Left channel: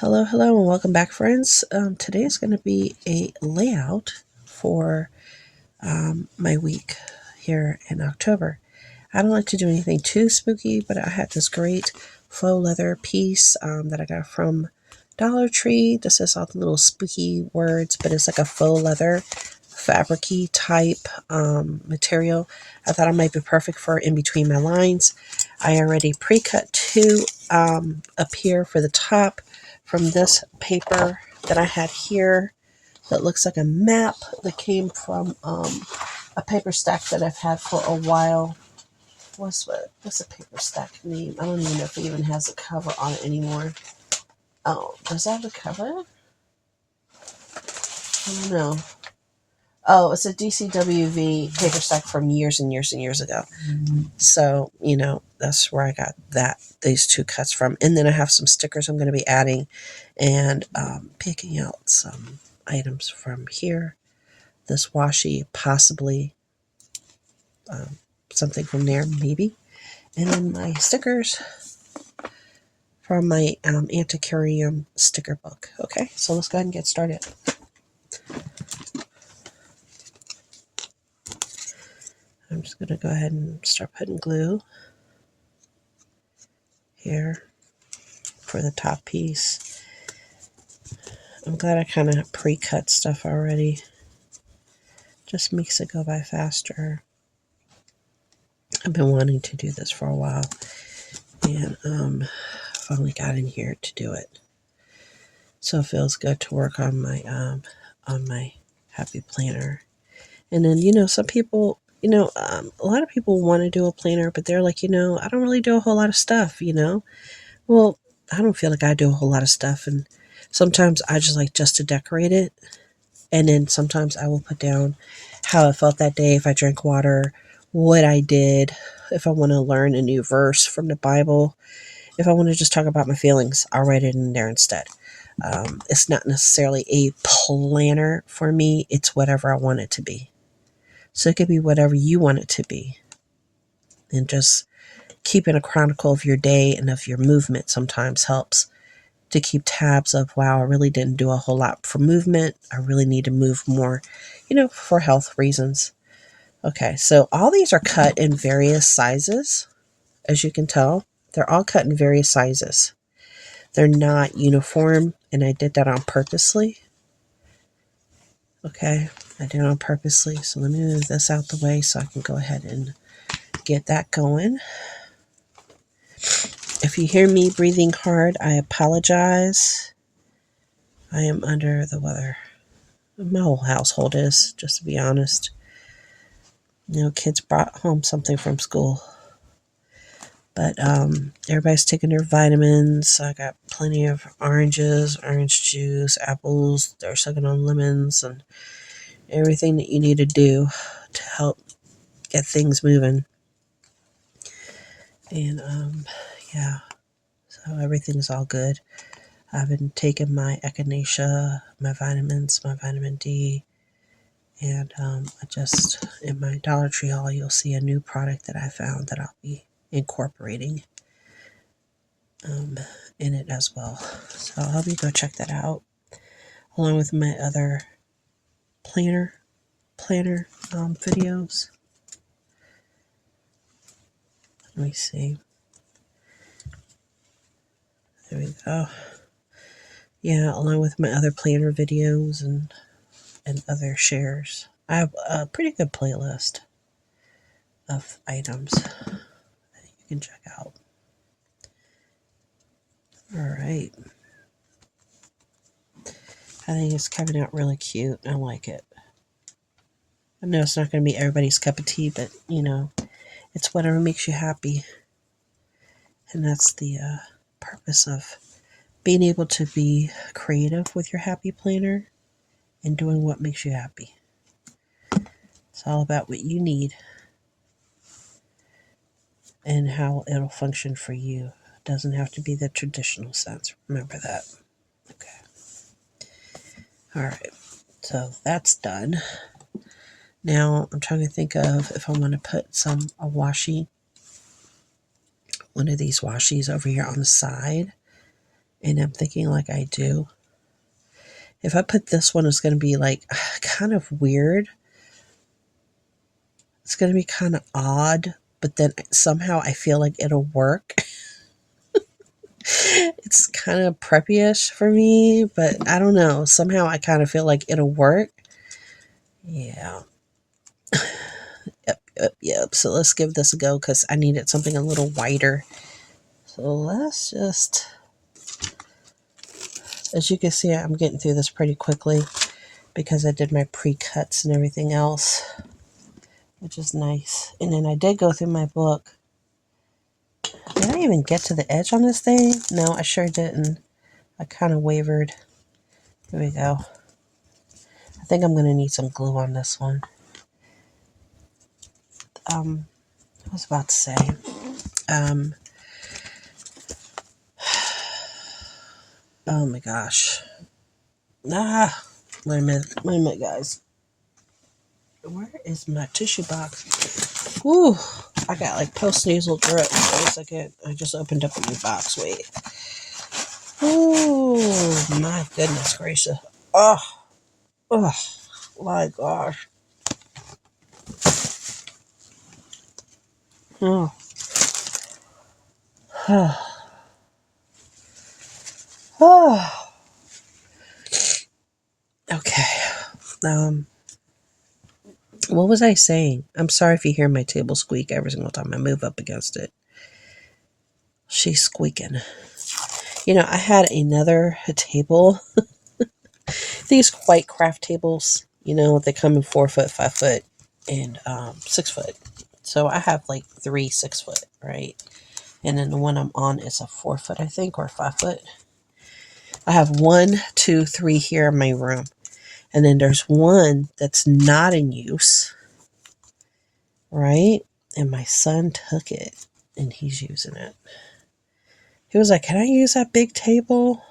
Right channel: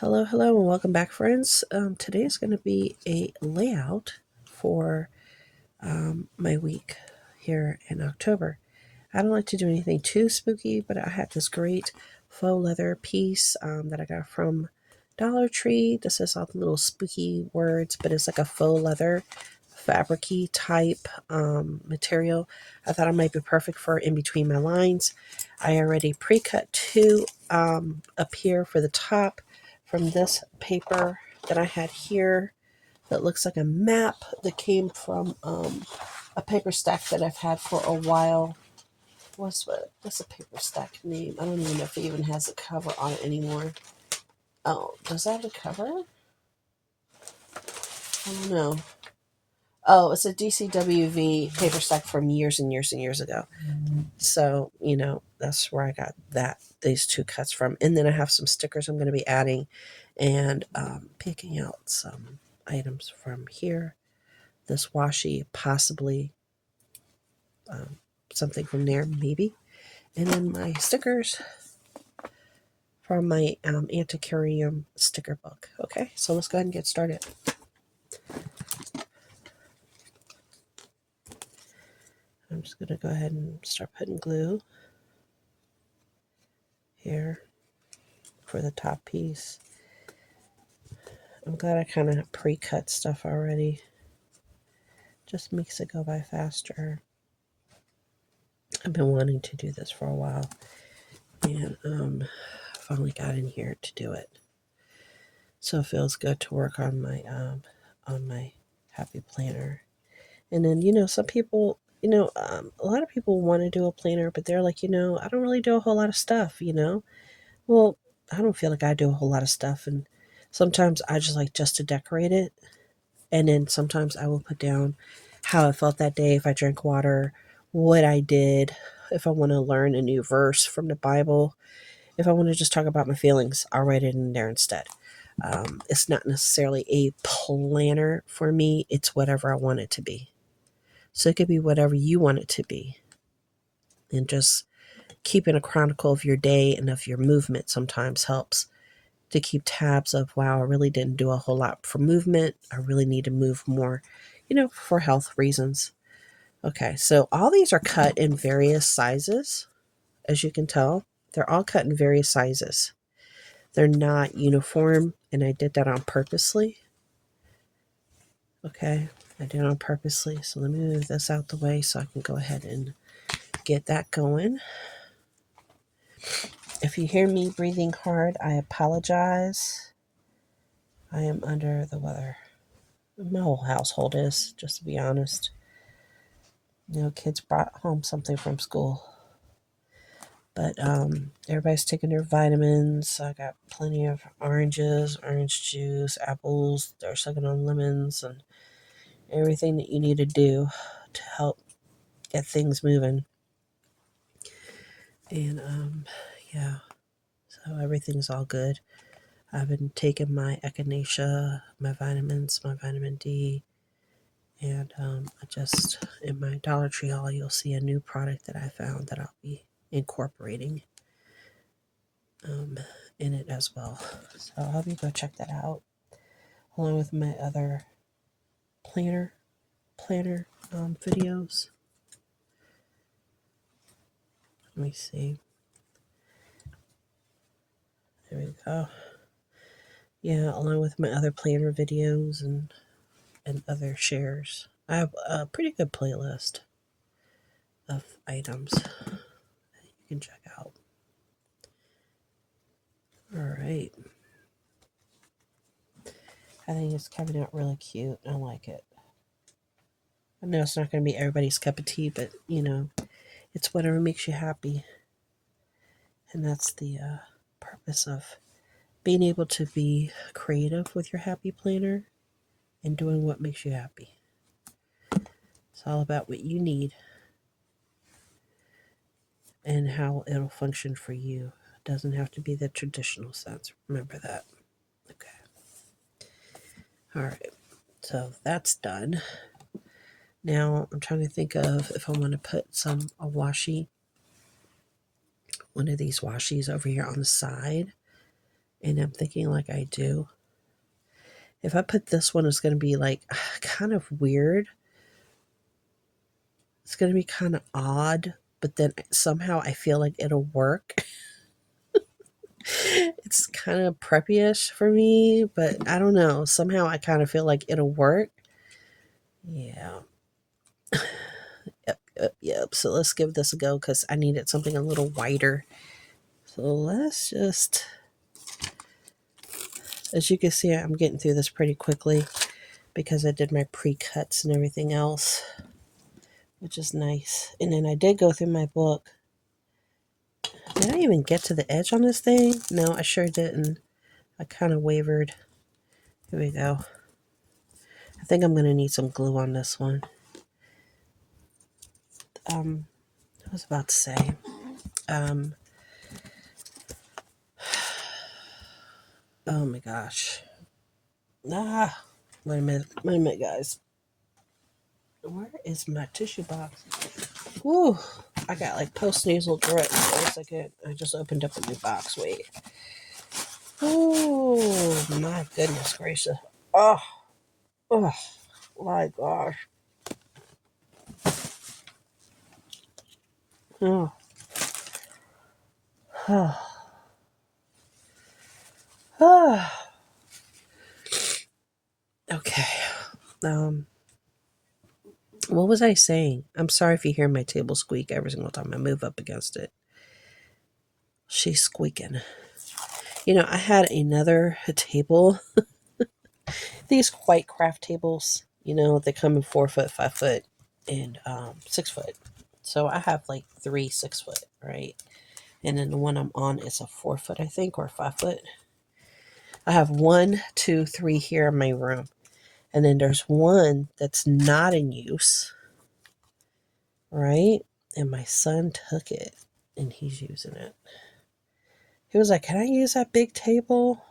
Hello, hello, and welcome back, friends. Today is going to be a layout for my week here in October. I don't like to do anything too spooky, but I had this great faux leather piece that I got from Dollar Tree. This is all the little spooky words, but it's like a faux leather fabric-y type material. I thought it might be perfect for in between my lines. I already pre-cut two up here for the top from this paper that I had here that looks like a map that came from a paper stack that I've had for a while. What's the paper stack name? I don't even know if it even has a cover on it anymore. Oh, does that have a cover? I don't know. Oh, it's a DCWV paper stack from years and years and years ago. So, that's where I got these two cuts from. And then I have some stickers I'm going to be adding and picking out some items from here. This washi, possibly something from there, maybe. And then my stickers from my Antiquarium sticker book. Okay, so let's go ahead and get started. I'm just going to go ahead and start putting glue here for the top piece. I'm glad I kind of pre-cut stuff already. Just makes it go by faster. I've been wanting to do this for a while, and finally got in here to do it. So it feels good to work on my happy planner. And then some people, a lot of people want to do a planner, but they're like, I don't really do a whole lot of stuff. Well, I don't feel like I do a whole lot of stuff, and sometimes I just like just to decorate it. And then sometimes I will put down how I felt that day, if I drank water, what I did, if I want to learn a new verse from the Bible, if I want to just talk about my feelings, I'll write it in there instead. It's not necessarily a planner for me. It's whatever I want it to be. So it could be whatever you want it to be. And just keeping a chronicle of your day and of your movement sometimes helps to keep tabs of, wow, I really didn't do a whole lot for movement. I really need to move more, for health reasons. Okay, so all these are cut in various sizes. As you can tell, they're all cut in various sizes. They're not uniform, and I did that on purposely. Okay, I did it on purposely. So let me move this out the way so I can go ahead and get that going. If you hear me breathing hard, I apologize. I am under the weather. My whole household is, just to be honest. Kids brought home something from school. But everybody's taking their vitamins. I got plenty of oranges, orange juice, apples. They're sucking on lemons and everything that you need to do to help get things moving. And yeah, so everything's all good. I've been taking my echinacea, my vitamins, my vitamin D, and I just, in my Dollar Tree haul, you'll see a new product that I found that I'll be incorporating in it as well. So I'll have you go check that out, along with my other planner videos. Let me see. There we go. Yeah, along with my other planner videos and other shares. I have a pretty good playlist of items that you can check out. All right. I think it's coming out really cute. I like it. I know it's not going to be everybody's cup of tea, but, it's whatever makes you happy. And that's the purpose of being able to be creative with your happy planner and doing what makes you happy. It's all about what you need and how it'll function for you. It doesn't have to be the traditional sense. Remember that. Okay. All right. So that's done. Now I'm trying to think of if I want to put a washi, one of these washis over here on the side. And I'm thinking like I do. If I put this one, it's going to be like kind of weird. It's going to be kind of odd, but then somehow I feel like it'll work. It's kind of preppy-ish for me, but I don't know. Somehow I kind of feel like it'll work. Yeah. Yep. So let's give this a go because I needed something a little wider. So let's just, as you can see, I'm getting through this pretty quickly because I did my pre-cuts and everything else, which is nice. And then I did go through my book. Did I even get to the edge on this thing? No, I sure didn't. I kind of wavered. Here we go. I think I'm going to need some glue on this one. I was about to say, oh my gosh. Wait a minute, guys. Where is my tissue box? Whew, I got like post-nasal drip. Wait a second. I just opened up my box. Wait. Oh, my goodness gracious. Oh, my gosh. Oh. Oh. Okay. What was I saying? I'm sorry if you hear my table squeak every single time I move up against it. She's squeaking. You know, I had another table. These white craft tables, you know, they come in 4 foot, 5 foot, and 6 foot. So I have like 3 6 foot, right? And then the one I'm on is a 4 foot, I think, or 5 foot. I have 1, 2, 3 here in my room. And then there's one that's not in use, right? And my son took it and he's using it. He was like, "Can I use that big table?"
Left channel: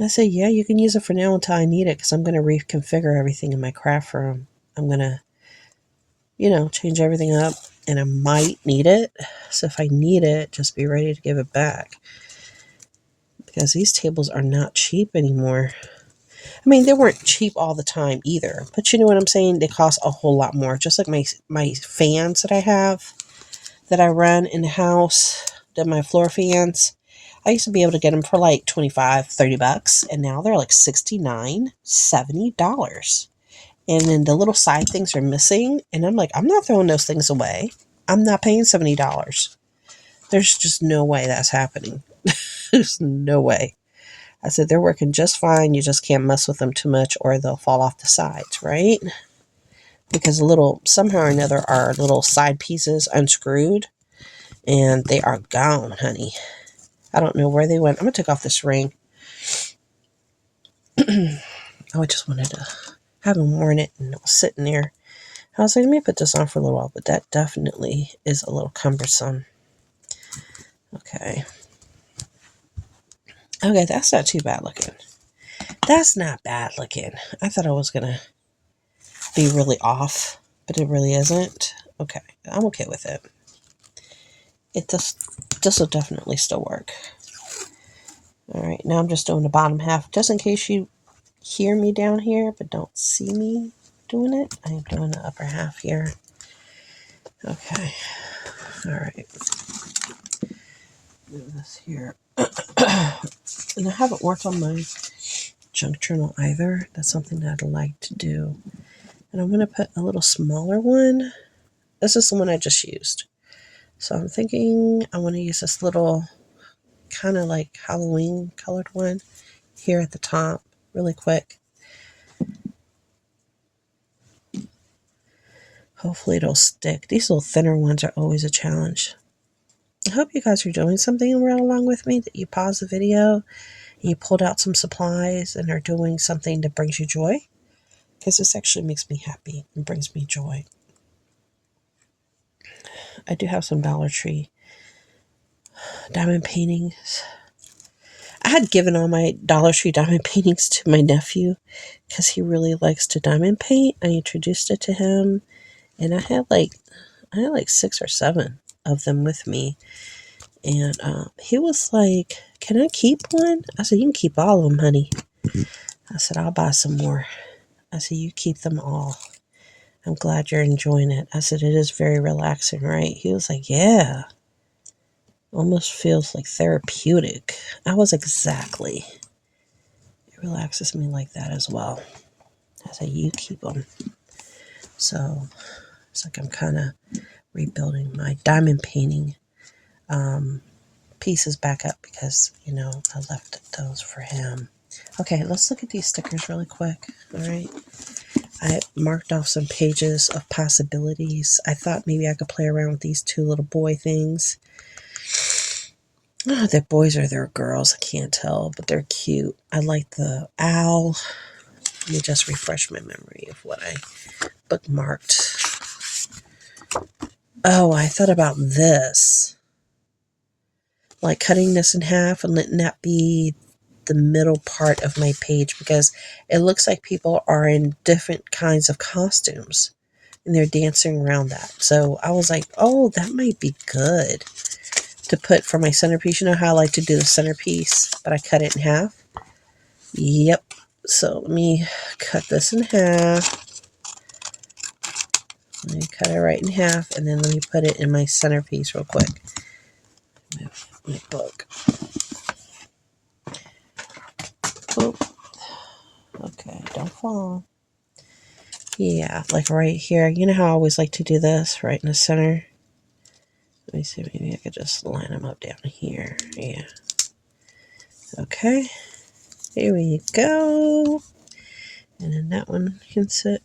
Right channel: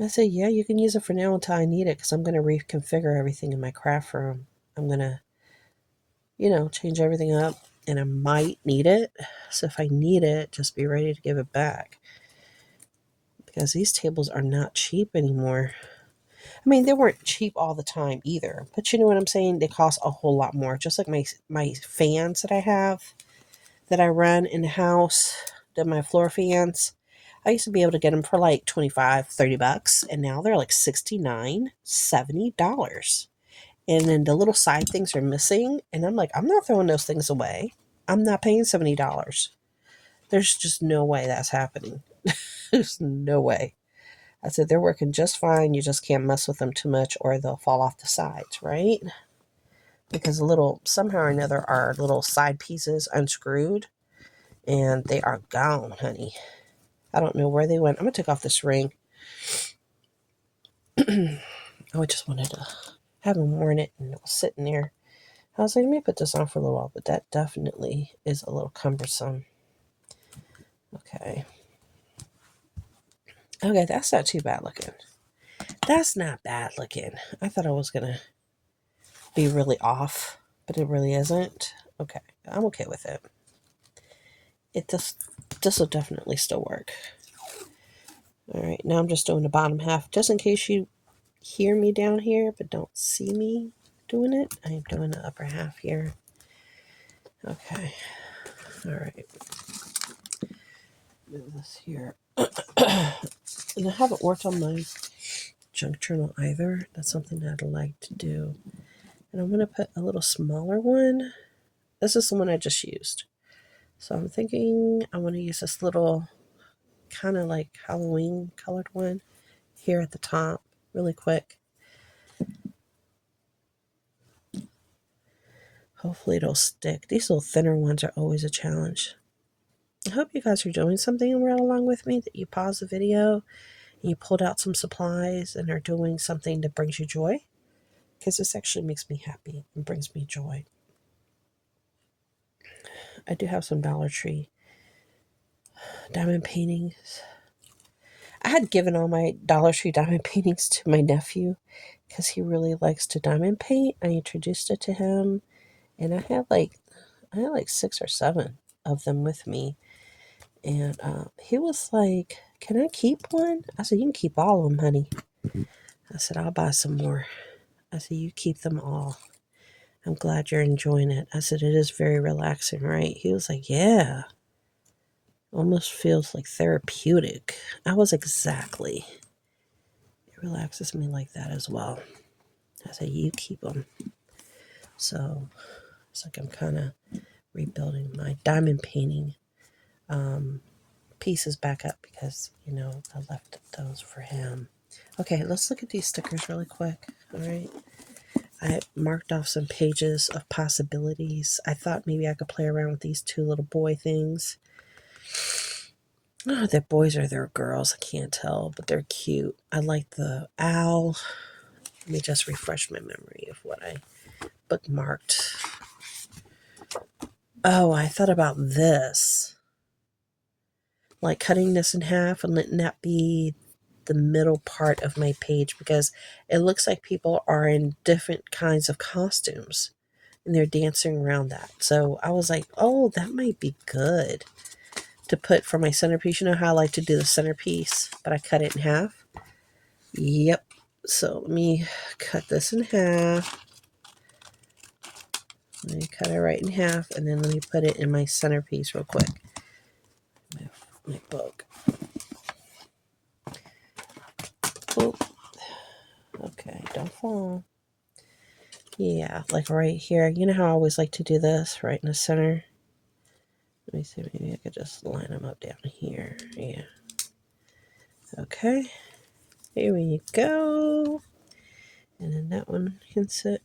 I said, "Yeah, you can use it for now until I need it because I'm going to reconfigure everything in my craft room. I'm going to, you know, change everything up and I might need it. So if I need it, just be ready to give it back." Because these tables are not cheap anymore. I mean, they weren't cheap all the time either. But you know what I'm saying? They cost a whole lot more. Just like my fans that I have, that I run in the house, my floor fans. I used to be able to get them for like $25-$30, and now they're like $69-$70. And then the little side things are missing, and I'm like, I'm not throwing those things away. I'm not paying $70. There's just no way that's happening. There's no way. I said, they're working just fine. You just can't mess with them too much or they'll fall off the sides, right? Because somehow or another, our little side pieces unscrewed and they are gone, honey. I don't know where they went. I'm going to take off this ring. I just wanted to, haven't worn it and it was sitting there. I was like, let me put this on for a little while, but that definitely is a little cumbersome. Okay. Okay, that's not too bad looking. That's not bad looking. I thought I was going to be really off, but it really isn't. Okay, I'm okay with it. This will definitely still work. All right, now I'm just doing the bottom half, just in case you hear me down here, but don't see me doing it. I'm doing the upper half here. Okay, all right. Move this here. And I haven't worked on my junk journal either. That's something that I'd like to do. And I'm going to put a little smaller one. This is the one I just used. So I'm thinking I want to use this little kind of like Halloween colored one here at the top really quick. Hopefully it'll stick. These little thinner ones are always a challenge. I hope you guys are doing something right along with me, that you pause the video and you pulled out some supplies and are doing something that brings you joy, because this actually makes me happy and brings me joy. I do have some Dollar Tree diamond paintings. I had given all my Dollar Tree diamond paintings to my nephew because he really likes to diamond paint. I introduced it to him, and I had like 6 or 7 of them with me. And he was like, "Can I keep one?" I said, "You can keep all of them, honey." I said, "I'll buy some more." I said, "You keep them all. I'm glad you're enjoying it." I said, "It is very relaxing, right?" He was like, "Yeah. Almost feels like therapeutic." I was exactly. It relaxes me like that as well. I said, "You keep them." So it's like I'm kind of rebuilding my diamond painting pieces back up because, I left those for him. Okay, let's look at these stickers really quick. All right. I marked off some pages of possibilities. I thought maybe I could play around with these two little boy things. Oh, they're boys or they're girls. I can't tell, but they're cute. I like the owl. Let me just refresh my memory of what I bookmarked. Oh, I thought about this. Like cutting this in half and letting that be the middle part of my page because it looks like people are in different kinds of costumes and they're dancing around that. So I was like, oh, that might be good to put for my centerpiece. You know how I like to do the centerpiece, but I cut it in half? Yep. So let me cut this in half. Let me cut it right in half, and then let me put it in my centerpiece real quick. My book. Oh, okay, don't fall. Yeah, like right here. You know how I always like to do this, right in the center? Let me see, maybe I could just line them up down here. Yeah. Okay, here we go. And then that one can sit.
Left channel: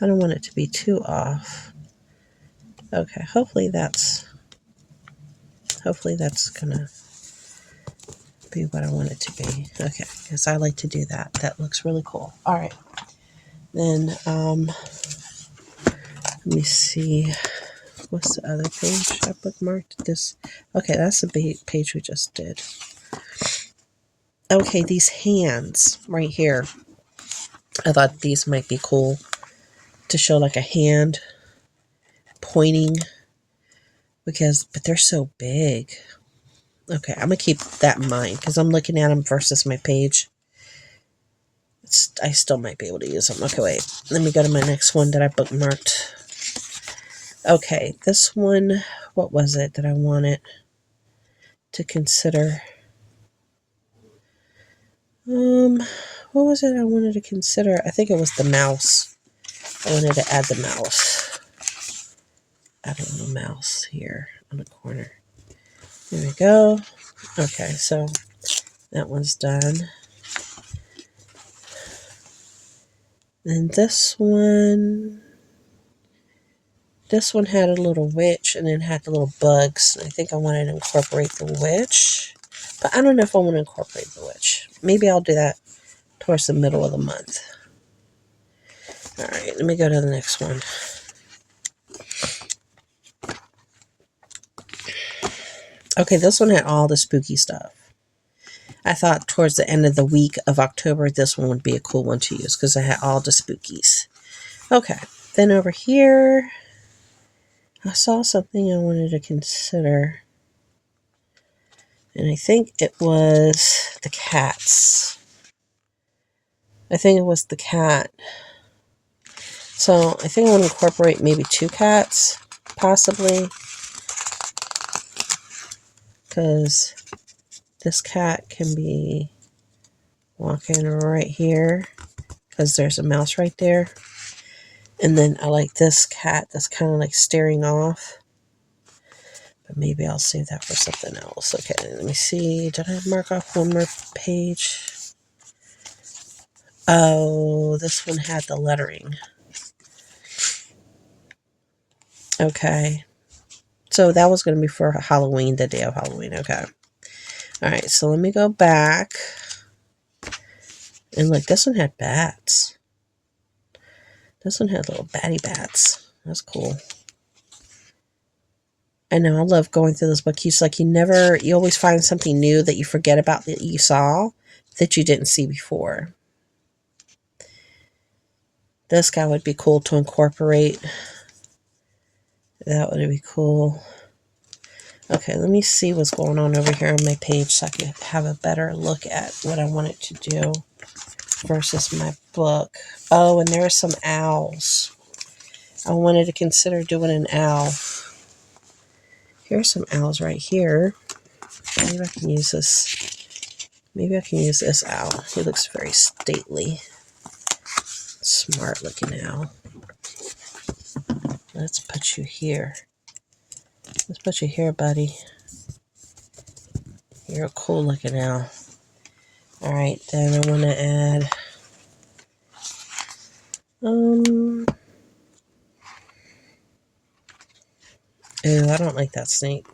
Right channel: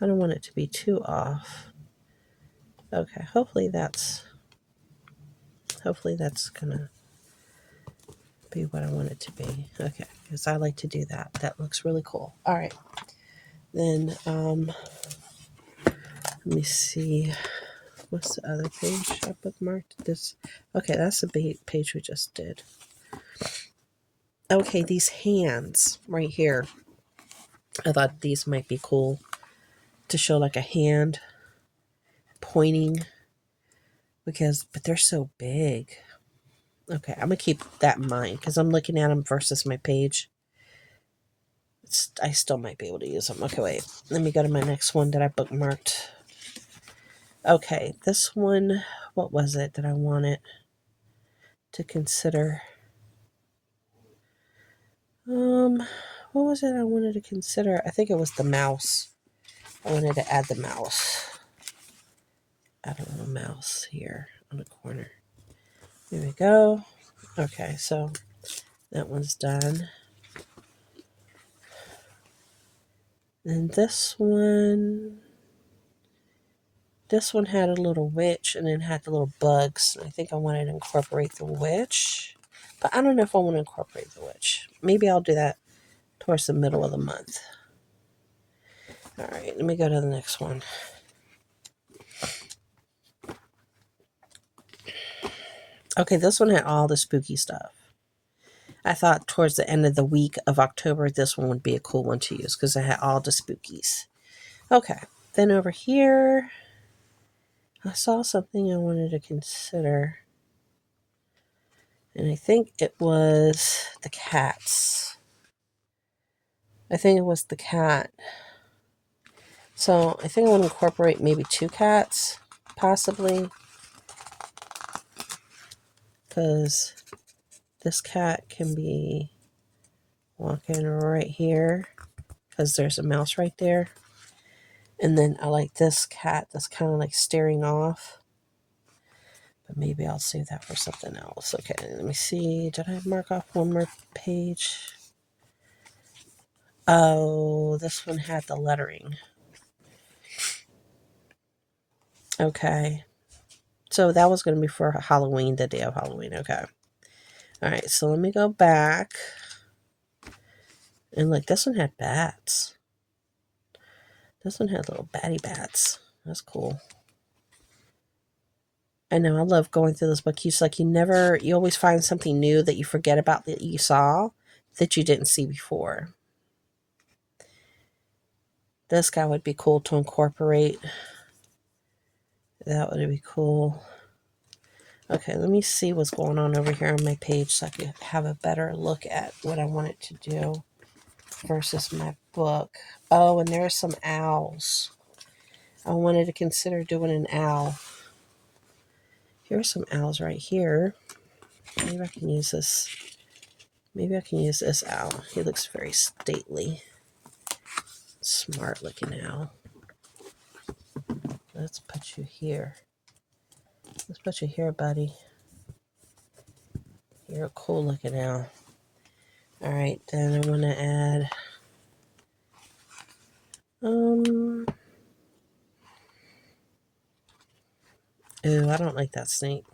I don't want it to be too off. Okay, hopefully that's gonna be what I want it to be. Okay, because I like to do that. That looks really cool. All right. Then let me see. What's the other page I bookmarked? This. Okay, that's the page we just did. Okay, these hands right here. I thought these might be cool to show like a hand pointing but they're so big. Okay, I'm gonna keep that in mind because I'm looking at them versus my page. I still might be able to use them. Okay, wait. Let me go to my next one that I bookmarked. Okay, this one, what was it that I wanted to consider? What was it I wanted to consider? I think it was the mouse. I wanted to add the mouse. Add a little mouse here on the corner. There we go. Okay, so that one's done. Then this one had a little witch and then had the little bugs. I think I wanted to incorporate the witch, but I don't know if I want to incorporate the witch. Maybe I'll do that towards the middle of the month. All right, let me go to the next one. Okay, this one had all the spooky stuff. I thought towards the end of the week of October, this one would be a cool one to use because I had all the spookies. Okay, then over here, I saw something I wanted to consider. And I think it was the cats. I think it was the cat. So I think I want to incorporate maybe 2 cats, possibly. Because this cat can be walking right here. Because there's a mouse right there. And then I like this cat that's kind of like staring off. But maybe I'll save that for something else. Okay, let me see. Did I mark off one more page? Oh, this one had the lettering. Okay. So that was going to be for Halloween, the day of Halloween. Okay. All right, so let me go back. And look, this one had bats. This one had little batty bats. That's cool. I know, I love going through this book. It's like you always find something new that you forget about that you saw that you didn't see before. This guy would be cool to incorporate. That would be cool. Okay, let me see what's going on over here on my page so I can have a better look at what I want it to do versus my book. Oh, and there are some owls. I wanted to consider doing an owl. Here's some owls right here. Maybe I can use this. Maybe I can use this owl. He looks very stately. Smart looking owl. Let's put you here. Let's put you here, buddy. You're a cool looking owl. Alright, then I want to add oh, I don't like that snake.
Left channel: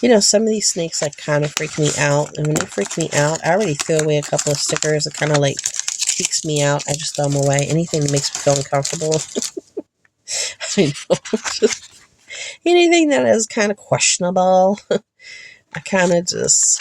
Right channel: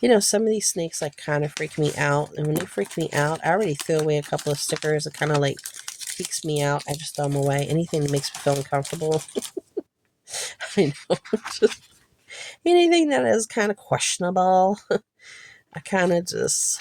You know, some of these snakes like kind of freak me out. And when they freak me out, I already threw away a couple of stickers. It kind of like freaks me out. I just throw them away. Anything that makes me feel uncomfortable. I know. Just anything that is kind of questionable. I kind of just,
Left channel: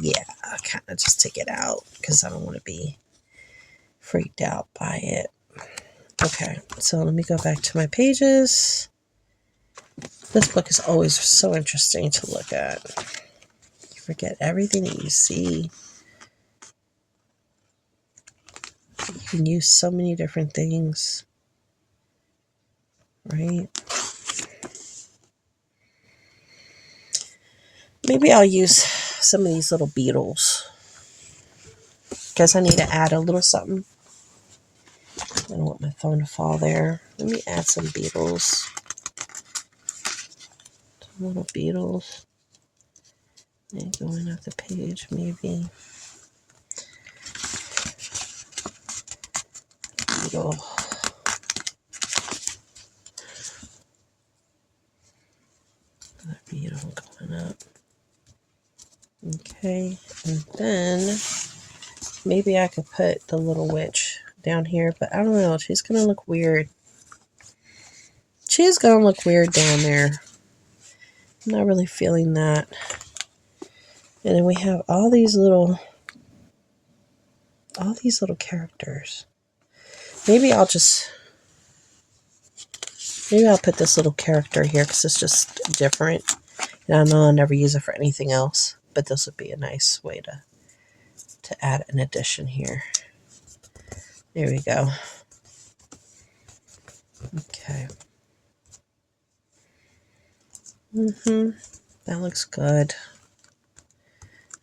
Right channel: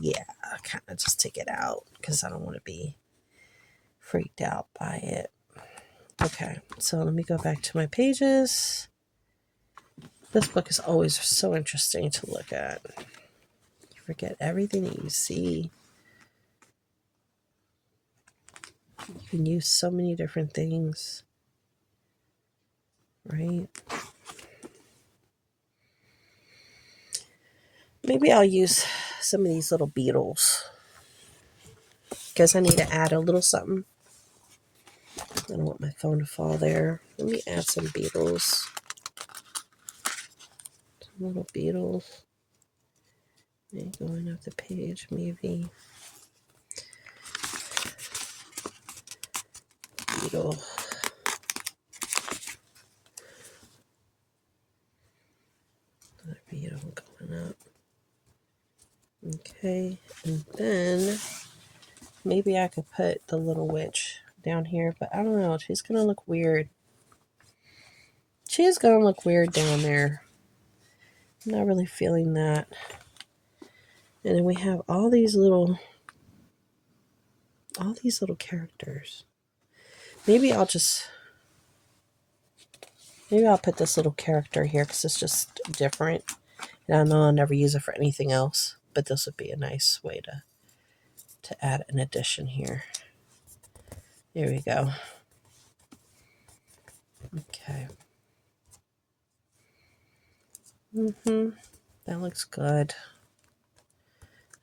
yeah, I kind of just take it out because I don't want to be freaked out by it. Okay, so let me go back to my pages. This book is always so interesting to look at. You forget everything that you see. You can use so many different things, right? Maybe I'll use some of these little beetles. Guess I need to add a little something. I don't want my phone to fall there. Let me add some beetles. Some little beetles. Maybe going up the page, maybe. Beetle. Another beetle going up. Okay, and then maybe I could put the little witch down here, but I don't know. She's going to look weird. She's going to look weird down there. I'm not really feeling that. And then we have all these little characters. Maybe I'll put this little character here because it's just different. And I know I'll never use it for anything else, but this would be a nice way to add an addition here. There we go. Okay. That looks good.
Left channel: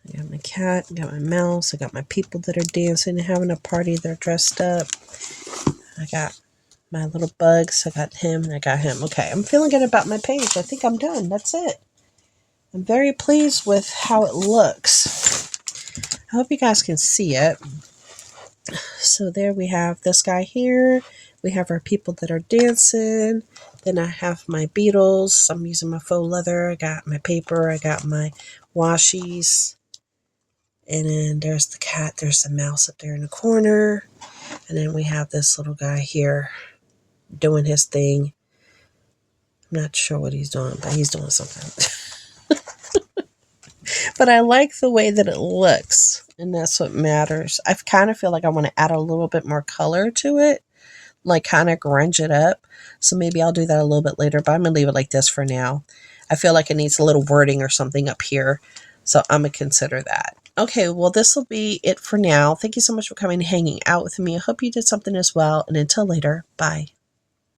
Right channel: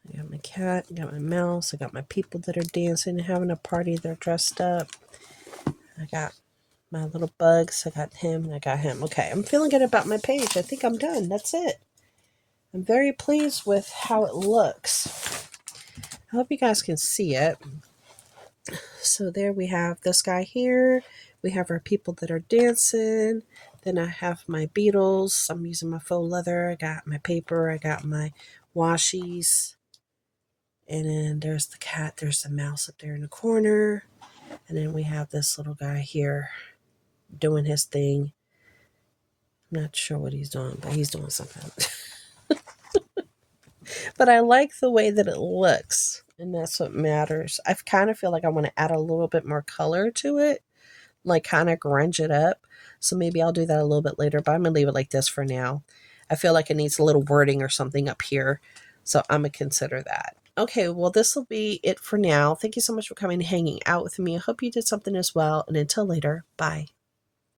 I got my cat, I got my mouse, I got my people that are dancing and having a party. They're dressed up. I got my little bugs. I got him and I got him. Okay, I'm feeling good about my page. I think I'm done. That's it. I'm very pleased with how it looks. I hope you guys can see it. So there we have this guy here. We have our people that are dancing. Then I have my beetles. I'm using my faux leather. I got my paper. I got my washies. And then there's the cat. There's the mouse up there in the corner. And then we have this little guy here doing his thing. I'm not sure what he's doing, but he's doing something. But I like the way that it looks, and that's what matters. I kind of feel like I want to add a little bit more color to it, like kind of grunge it up. So maybe I'll do that a little bit later, but I'm going to leave it like this for now. I feel like it needs a little wording or something up here, so I'm going to consider that. Okay, well, this will be it for now. Thank you so much for coming and hanging out with me. I hope you did something as well, and until later, bye.